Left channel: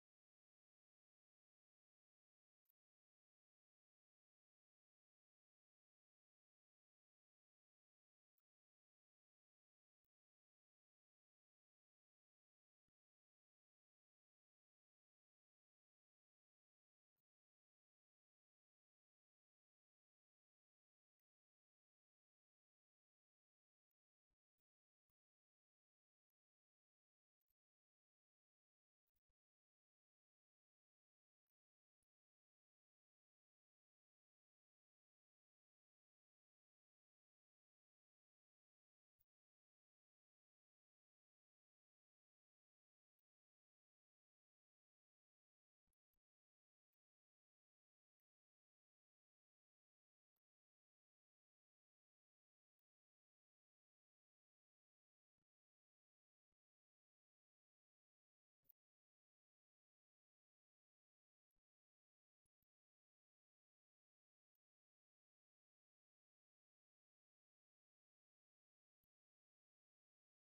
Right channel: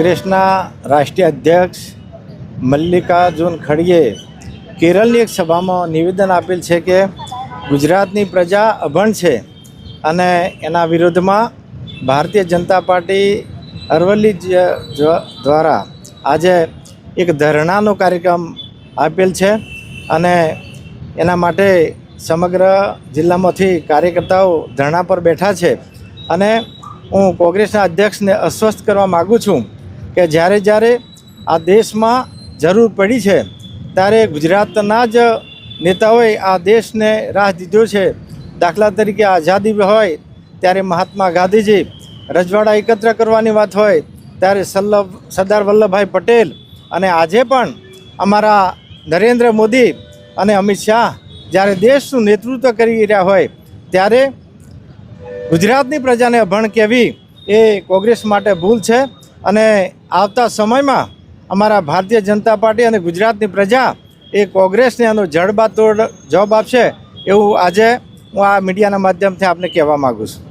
કોંગ્રેસના રાષ્ટ્રીય અધ્યક્ષ મલ્લિકાર્જુન ખડગેએ કેરળની એક સભામાં નિવેદન આપેલ છે કે ગુજરાતની પ્રજા અભણ છે અને એના વિરોધમાં ભારતીય જનતા પાર્ટી અરવલ્લી દ્વારા આજે એક ધરણાનો કાર્યક્રમ આપેલ છે અને એના માટે સમગ્ર જિલ્લામાંથી કાર્યકર્તાઓ ધરણા પર બેઠા છે અને હું કોંગ્રેસના અધ્યક્ષને અસ્વસ્થ કરવા માગું છું કે જ્યારે આ દેશમાં જરૂર પડી છે ત્યારે ગુજરાતના જ નેતાઓએ આ દેશને રાહ દીધો છે। દાખલા તરીકે આઝાદી હોય ત્યારે મહાત્મા ગાંધીજી, રજવાડા એકત્ર કરવાની વાત હોય ત્યારે સરદાર વલ્લભભાઈ પટેલ અને આજે પણ અમારા નરેન્દ્ર મોદી અને અમિત શાહ જ્યારે દેશનું નેતૃત્વ કરી રહ્યા હોય ત્યારે ગુજરાતની પ્રજાને અભણ કહેવી એ કોંગ્રેસ માટે ભૂલ છે અને આવતા સમયમાં અમારા ભારતીય જનતા પાર્ટી અને ગુજરાતની પ્રજા એ કોંગ્રેસને આનો જડબાતોડ જવાબ આપશે એવું આજે હું આ મીડિયાના માધ્યમથી આપને કહેવા માગું છું।